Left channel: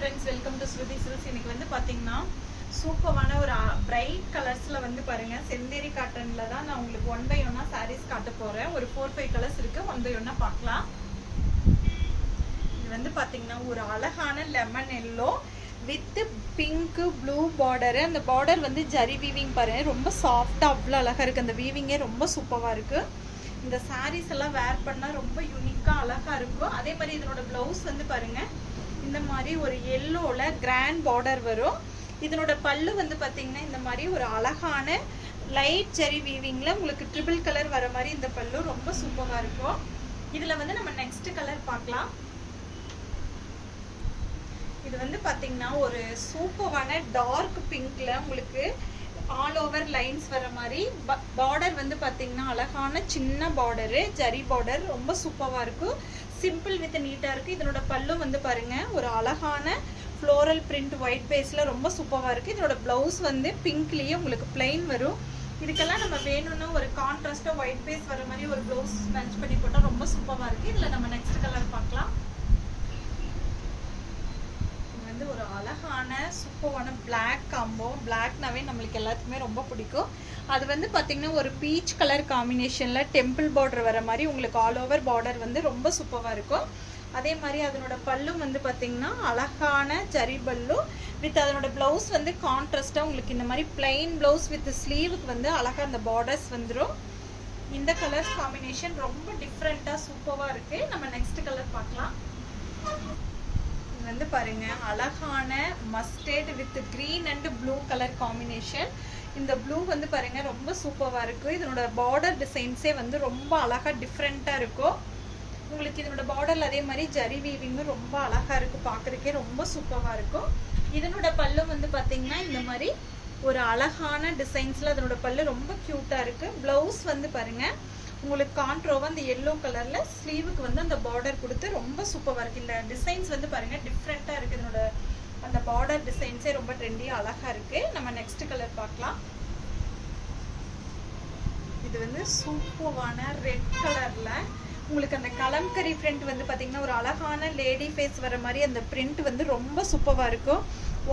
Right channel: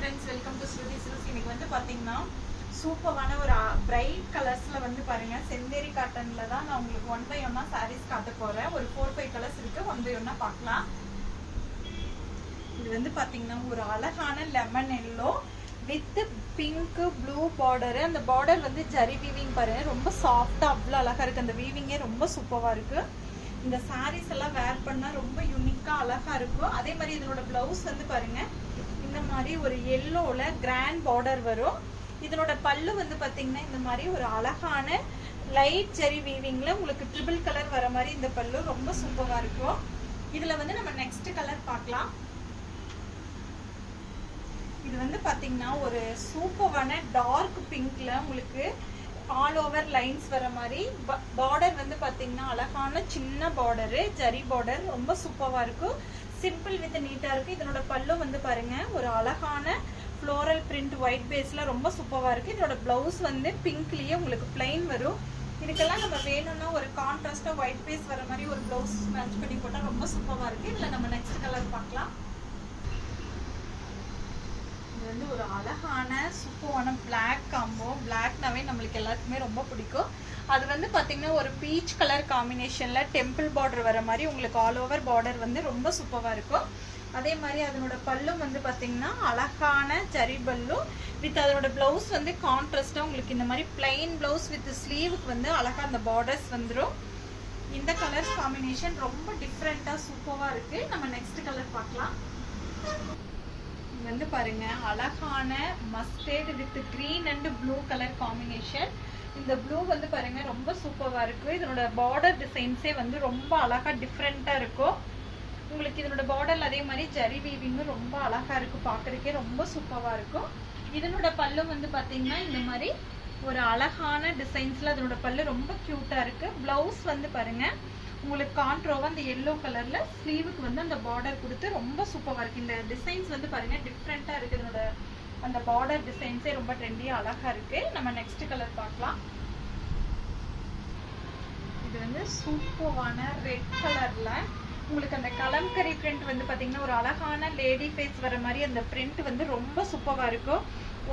friends, welcome to Shruti Silks. இன்னைக்கு வந்து பாத்தீங்கன்னா சூப்பரான ஒரு பிரைட் கலர்ஸ்ல வந்து பாருங்க செந்தேரி காட்டன்ல தான் நான் உங்களுக்கு 1 by 1 sarees காட்ட போறேன். ஒரு 4-5 கலர்ஸ் இருக்கு. 1 by 1 பார்க்கலாம். இது வந்து பாத்தீங்கன்னா ஒரு அழகான lemon yellow with pink blue border. அந்த பார்டர் வந்து ஜரி வீவிங் பாருங்க, ரொம்ப சாஃப்டா அவ்வளவு அழகா இருக்கு. அந்த வீவிங்கே ரொம்ப சூப்பரா இருக்கு. இந்த சாரீஸ் எல்லாம் வேர் பண்ணா ரொம்ப யூனிக்கா அழகா இருக்கும். அதே மாதிரி இதனோட பிளவுஸ் வந்து பாருங்க இந்த மாதிரி ஒரு எல்லோல கிராண்ட் பார்டர் வரும். இதனோட பல்லு வந்து பாத்தீங்கன்னா இந்த மாதிரி ஒரு அழகான லைட் ஜெரி வீவிங்ல உங்களுக்கு ட்ரிபிள் கலர் வர மாதிரி இந்த பல்லு ரொம்ப சூப்பரா இருக்கும். இதுல வந்து நம்ம நெக்ஸ்ட் கலர் பார்க்கலாம். இது வந்து பாத்தீங்கன்னா ஒரு சூப்பரான டார்க் பிங்க்ல உங்களுக்கு ஆல் ஓவர் லைன்ஸ் வர மாதிரி பார்டர் வந்து பாத்தீங்கன்னா அழகான சின்ன பார்டர் ஜரி பார்டர் ரொம்ப சூப்பரா இருக்கும். சிம்பிள் வித் நீட்டா இருக்கு. இதனோட பல்லு வந்து பாருங்க ஒரு அழகான ஃப்ளோரல் பிரிண்ட் ஒயிட் பேஸ்ல ரொம்ப சூப்பரா இருக்கு. இதனோட பிளவுஸ் வந்து பிங்க்லயே உங்களுக்கு பிளைன் வரும். இதுக்கெல்லாம் நம்ம வேணும்னா ஒரு கான்ட்ராஸ்டா ஒயிட் பேஸ் வர மாதிரி ஒரு பிளவுஸ் மேட்ச் பண்ணி போட்டா ரொம்ப சூப்பரா இருக்கு. இதுல நம்ம நெக்ஸ்ட் கலர் பார்க்கலாம். வந்து ஒரு அழகான சூப்பரான பிளாக் காம்போ. பிளாக்னாவே நம்மளுக்கு எல்லாத்துக்குமே ரொம்ப பிடிக்கும். அது வந்து பாத்தீங்கன்னா ஒரு பீச் கலர் காம்பினேஷன்ல டெம்பிள் பார்டர் வர மாதிரி உங்களுக்கு ஆல் ஓவர் பார்டர் வந்து ரொம்ப சூப்பரா இருக்கும். அதே மாதிரி அதனோட பல்லு வந்து பாத்தீங்கன்னா அழகான ஜரி பல்லு வித் அதனோட பிளவுஸ் வந்து கான்ட்ராஸ்டா உங்களுக்கு இந்த மாதிரி பிளைன் பிளவுஸ் வித் ஸ்லீவுக்கு வந்து அழகா அந்த பார்டர்ஸ் வந்துடும். இந்த கலர் காம்பினேஷன் ரொம்ப டிஃப்ரெண்டா சூப்பரா இருக்கு. நம்ம நெக்ஸ்ட் கலர் பார்க்கலாம். வந்து பாருங்க அழகான mustard with green and blue colour combination. இந்த ப்ளூ வந்து பாருங்க ரொம்ப சூப்பரா இருக்கு. இதனோட பார்டர் டிசைன்ஸே வந்து ரொம்ப அழகா டிஃப்ரெண்டா இருக்கும். உங்களுக்கு இதனோட பார்டர்ல அதே மாதிரி ஜரி வீவிங்கும் ரொம்ப அழகா இருக்கு. பாக்குறதுக்கே ரொம்ப சூப்பரா இருக்கும். இதனோட பல்லு வந்து பாத்தீங்கன்னா இந்த மாதிரி ஒரு அழகான டிசைன்ஸ்ல அதனோட பல்லு ரொம்ப கியூட்டா இருக்கு. பிளவுஸ் வந்து பாருங்க உங்களுக்கு கான்ட்ரோவா அந்த எல்லோ கலர்ல ஸ்லீவுக்கு வந்து அந்த பார்டர் கொடுத்து ரொம்ப சூப்பரா இருக்கு. இந்த டிசைன்ஸ் வந்து பாருங்க டிஃப்ரெண்டா இருக்கு. இதனோட அந்த பார்டர் டிசைன்ஸே ரொம்ப ட்ரெண்டியா அழகா இருக்கு. நம்ம நெக்ஸ்ட் கலர் பார்க்கலாம். இது வந்து சூப்பரான ரெட் கலர்ல உங்களுக்கு அந்த கலம்கரி பிரிண்ட் வந்து பாத்தீங்கன்னா ஒரு அழகான லேடி ஃபேஸ் வர மாதிரி அந்த பிரிண்ட் வந்து ரொம்ப சூப்பரா இருக்கும்.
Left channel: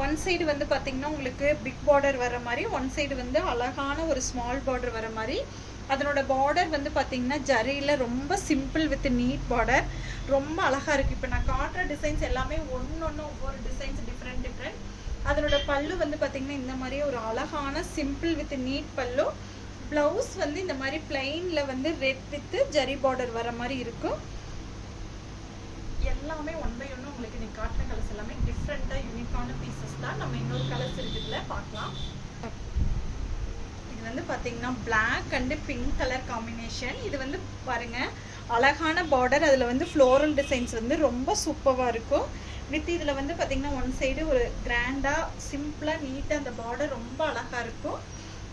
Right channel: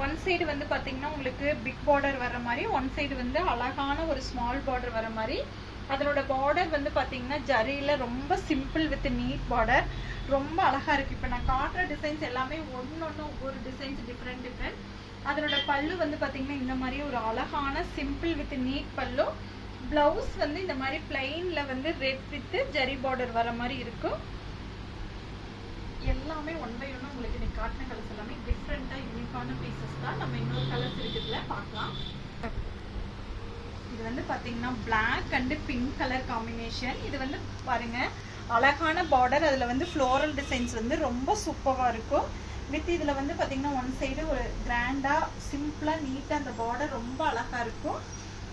ஒன் சைடு வந்து பாத்தீங்கன்னா உங்களுக்கு பிக் பார்டர் வர மாதிரி, ஒன் சைடு வந்து அழகான ஒரு ஸ்மால் பார்டர் வர மாதிரி. அதனோட பார்டர் வந்து பாத்தீங்கன்னா ஜரியில ரொம்ப சிம்பிள் வித் நீட் பார்டர் ரொம்ப அழகா இருக்கு. இப்ப நான் காட்டுற டிசைன்ஸ் எல்லாமே ஒன்னொன்னு ஒவ்வொரு டிசைன்ஸ் டிஃப்ரெண்ட். அதனோட பல்லு வந்து பாத்தீங்கன்னா இந்த மாதிரி ஒரு அழகான சிம்பிள் வித் நீட் பல்லு. பிளவுஸ் வந்து இந்த மாதிரி பிளைன்ல வந்து ரெட் வித் ஜரி பார்டர் வர மாதிரி இருக்கும். எல்லாமே 1 by 1 உங்களுக்கு நீ காட்டின கலர்ஸ் எல்லாமே டிஃப்ரெண்டா யூனிக்கான பீசஸ் தான். நம்ம இன்னொரு கலர்ஸ் இருக்குதுல பார்க்கலாம். இது வந்து பாத்தீங்கன்னா black and pink colour combination. இது வந்து பாருங்க அழகான பார்டர், அதுல வந்து ஃப்ளோரல் டிசைன்ஸ் வந்து ரொம்ப சூப்பரா இருக்கும். வித் இதுல வந்து பாத்தீங்கன்னா ஒன் சைடு ஒரு கிராண்டா சிம்பிளா நீட்டா அந்த பார்டர் ரொம்ப அழகா இருக்கும்.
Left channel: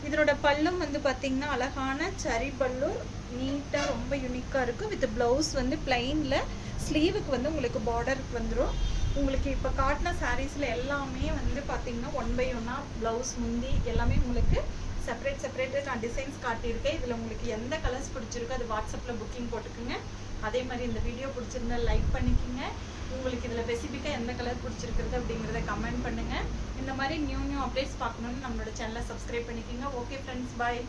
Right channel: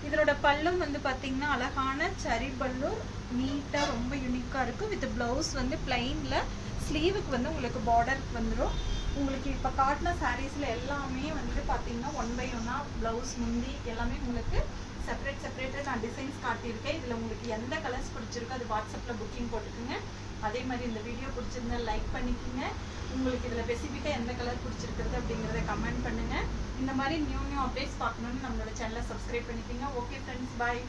இதனோட பல்லும் வந்து பாத்தீங்கன்னா அழகான சரி பல்லு நீட்டா ரொம்ப யூனிக்கா இருக்கும். வித் பிளவுஸ் வந்து பிளைன்ல ஸ்லீவுக்கு வந்து உங்களுக்கு பார்டருக்கு வந்துடும். உங்களுக்கு இப்ப காட்டின சாரீஸ்ல எல்லாமே வந்து பாத்தீங்கன்னா 1 by 1 பிளவுஸ் முந்தி எல்லாமே உங்களுக்கு செப்பரேட்டா நான் டிசைன்ஸ் காட்டியிருக்கேன். இதுல உங்களுக்கு எந்த கலர்ஸ் பிடிச்சிருக்கோ அது வாட்ஸ்அப்ல புக்கிங் போட்டுக்குங்க. அதே மாதிரி இந்த வீடியோ பிடிச்சிருந்தா லைக் பண்ணிக்கோங்க. உங்களுக்கு இதுல ஸ்பெசிஃபிக்கா எந்த கலர் பிடிச்சிருக்குது அப்படிங்கறத கமெண்ட் பண்ணுங்க. இந்த மாதிரி நியூ அப்டேட்ஸ் பார்க்கணும்னு நம்மளோட சேனலை சப்ஸ்கிரைப் பண்ணிக்கோங்க. ஓகே ஃப்ரெண்ட்ஸ், பாய்.